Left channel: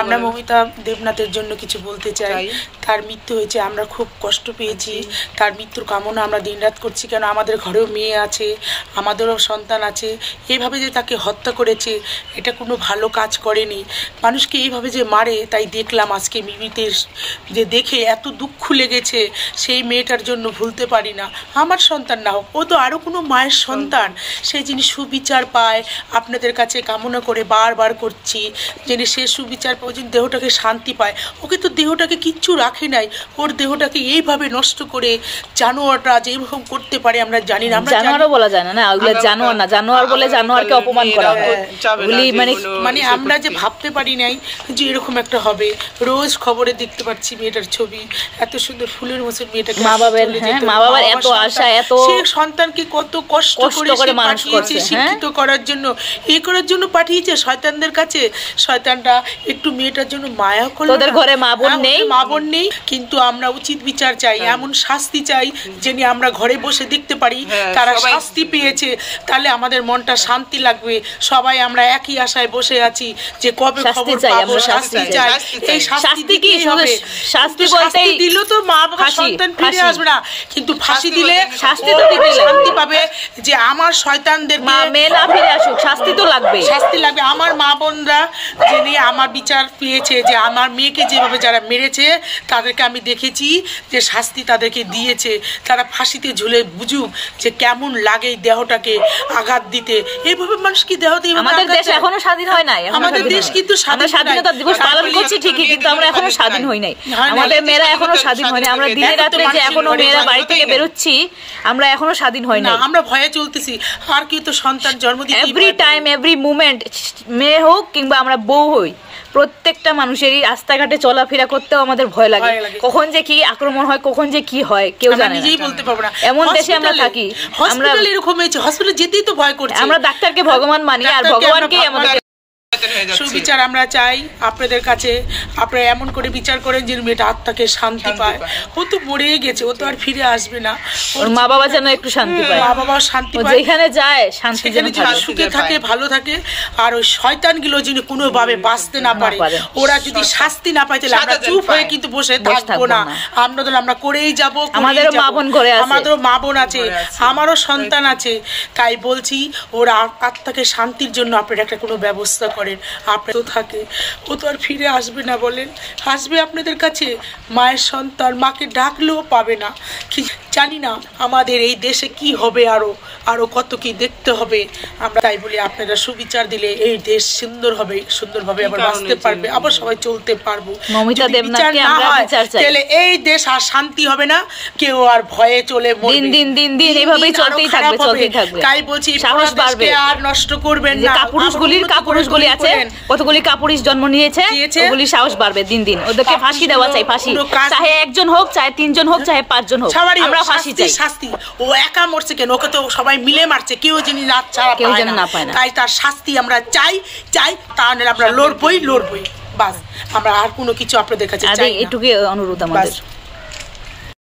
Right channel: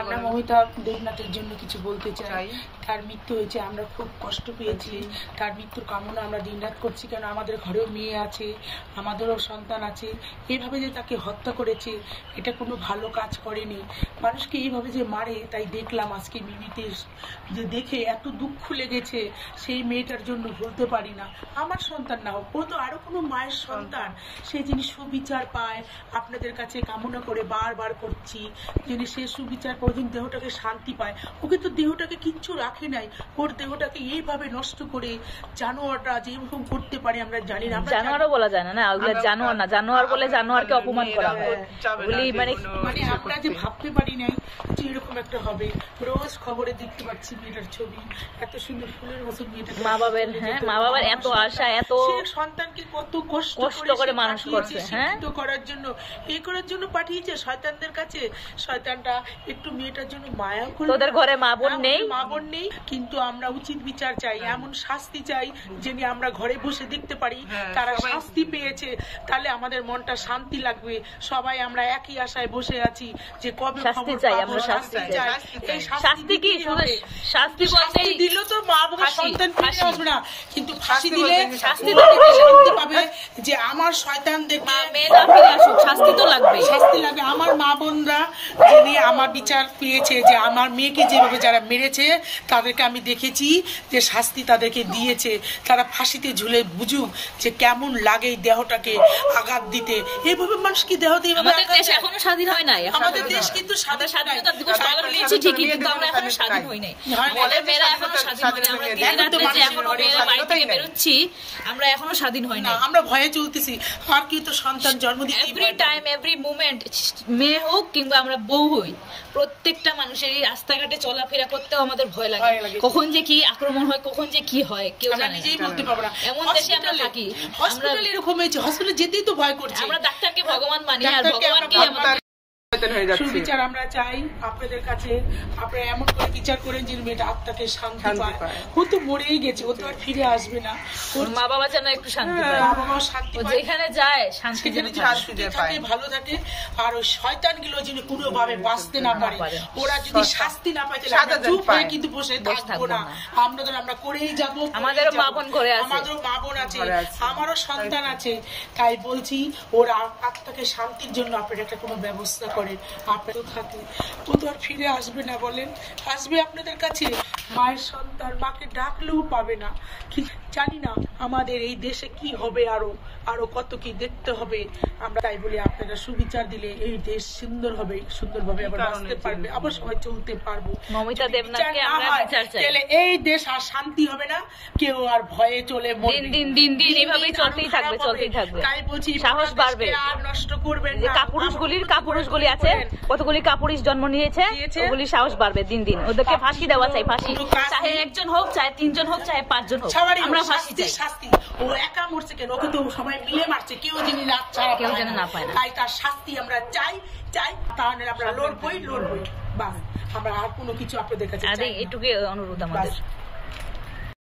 আমরা মমিতা দেবনাথের জন্য কিছু বলতে চাই। তার মৃত্যু হয়েছে, আমরা খুব কষ্ট পেয়েছি। তার মৃত্যুর কামনা আমরা দিনরাত করছি, কেন আমাদের ঘরেও মেয়ে আছে, আমাদেরও সন্তান আছে। এইভাবে যে তাকে হত্যা করেছে, এটা কোনো ভালো কাজ করেনি। মানুষকে এইভাবে যে মারে, তাই দেখলাম আজকে মিমিতে যে দেখে এত দুঃখ লেগেছে। সেই মেয়েটার জন্য ভুলতে পারি না। আমার সন্তান না হোক, ও তো আরও কোনো মায়ের সন্তান, সেই যিনি সুবিচার পায় আপনাদের কাছে কামনা করে বারবার করছি, যিনি সে সুবিচার পায়, যিনি দেহটাকে শান্তি পায়। ওকে তো দেহটাকে কিচ্ছু রাখে নাই, ওর দেহটাকে এইভাবে নষ্ট করে জানোয়াররা যেরকম করতে পারে আমরা জানি না। আমরা জানোয়ারও বলা যায় না, ওগুলো জানোয়ার না, জানোয়ার বলে জানোয়ারকে অপমান করা হয়। মানে আমরা যে ভাবতে পারি নাই যে এরকম একটা হবে। রোজ খবরে দেখতে পাচ্ছি মেয়েটার ছবি, এত সুন্দর ফুলের মতন মেয়েটাকে মা বাবার এত আশা, এত সে সন্তানকে কত কষ্ট করে পাঠিয়েছে শিক্ষিত করার জন্য, এই করার জন্য পাঠিয়েছে শয়তানদের কাছে। শয়তানরা একটু মেয়েটার জন্য মায়া করলো। তোদের ঘরে মা বোন নেই, কিন্তু আমরা উচিত বিচার চাই, এমন শাস্তি চাই যেন আমরা ঘরে বসে দেখতে পারি তারা শাস্তি পেয়েছে, তাহলে আমাদের মনটা শান্তি লাগবে। সবাই আমরা একই আশায় বসে আছি যে কবে খবর পাবো, শাস্তি চাই। এই শাস্তি কি হবে? শাস্তি দিল তো মা বাবা সন্তান ফিরে আসবে না, কিন্তু ফাঁসি দিলে শান্তি পাবে যে আমার শয়তানদের ফিরে আসুক। শাস্তি তো লাগবে, শাস্তি লাগবে। আমার মা বোনরা যিনি আমার বিচার পেয়েছে, যে আমার মেয়েকে যেভাবে যারা মেরেছে তাদেরকে আমি দেখেছি যে শাস্তি তাদেরকে দিয়েছে। তারা ফাঁসিতে ঝুলে বুঝুক যে কেমন লাগে দেহটাকে আঘাত দিতে। এইভাবে মানুষ কি দেহতে আমাদের দেশ এখনো স্বাধীন হয় নাই। আমাদের দেশ কিন্তু স্বাধীনতা দিবস পালন করছি ঠিকই, কিন্তু আমরা এখনো স্বাধীন হই নাই। আমাদের মেয়েরা এখনো স্বাধীন হয় নাই। আমরা দিনে রাতে যে এখনো মেয়েরা বাড়ি থেকে বেরোচ্ছি, আমরা এখনো স্বাধীন হই না। আমরা ভয়ে চলতেছি। আর কি তো সন্তান জন্ম দিতে এভরি টাইম এভরি মুভমেন্ট, মেয়ে হোক কিংবা আমরা বউ হই, প্রত্যেকটা মানুষেরই রাস্তাঘাটে চলাফেরা করতেও আমাদের ভয় লাগে। কখন যে কি আক্রমণ হয়, কখন যে কি হয় কেউ জানে না, নিজেই বলতে পারবো না। এমন দেশে আমরা থাকি। হসপিটাল এরকম হয়েছে, হসপিটালে যেতেই তো ভয় করছে। আমরা ডাক্তারকে ভগবান মানি, আর ভগবানকেই আমাদের সুবিচার আমরা চাই আপনাদের কাছে। আপনারা এমন করে বিচার করেন যে মেয়েটা আত্মাকে শান্তি পায়। ও তো মরেই গেছে, ও তো আর ফিরে আসবে না। ওর মা বাবা যেন একটু শান্তি পায়, মা বাবা শান্তি পায়, যেখানে যায় শান্তি যেন সুখে থাকে, ভালো থাকে। আর ওই শয়তানগুলো যিনি কোনোভাবে বাঁচতে না পারে, ওরা যদি শাস্তি না পায়, তাহলে আমরা চুপ হয়ে কিন্তু বসে থাকবো না। আমরা করেই যাবো। আমাদেরও মা বোন ঘরে আছে, আমাদেরও মা বোন আছে, আমারও সন্তান আছে। তাই বলছি, ওরা আত্মাকে শান্তির জন্য আপনারা একটা কোনো ব্যবস্থা করেন। আপনার তো থাকে, ও তো আর ফিরে আসবে না। বলেন, আসবে আপনাদের কাছে? মায়ের সন্তান মাকে ডাকলেও পাবে না। কি জানি না আমাদের এই দেশে কি হবে, আরো কত কি দেখতে হবে। আমরা তাই বলি আপনারা সুবিচার দিলে এই দেশ সুন্দর হবে, সুন্দরভাবে আবার বাঁচতে পারবে, আবার সবাই চলতে পারবো। যদি বিচার না হয় তাহলে এই দেশ আর শান্তি হবে না, কেউ আর ভয়ে চলে মরবে। দিন এইভাবেই চলতেই থাকবে। তাই বলছি, সাহস বাড়বে, আর নষ্ট করবেন না। কাপুরুষগুলি আছে, কতগুলি কাপুরুষ জন্ম নিয়েছে, ওগুলি সাহস বাড়বে দিন। ওদেরকে ফাঁসি দেওয়া চাই, ফাঁসি। চাহে একজন হোক, চাহে তিনজন হোক, চাহে পাঁচজন হোক, আমরা ফাঁসি চাই। শাস্তি। ও একা মরছে কেন? ওকে তো সবাই মিলে মারছে, কেউ যিনি রাত ছাড়া পায় না। তাই তার শাস্তি আমরা চাই। তাহলে আমরা লড়বই। বাস, আমরা আর কোনো কিছু আপনাদের কাছে চাই না। এটুকুই অনুরোধ আমাদের।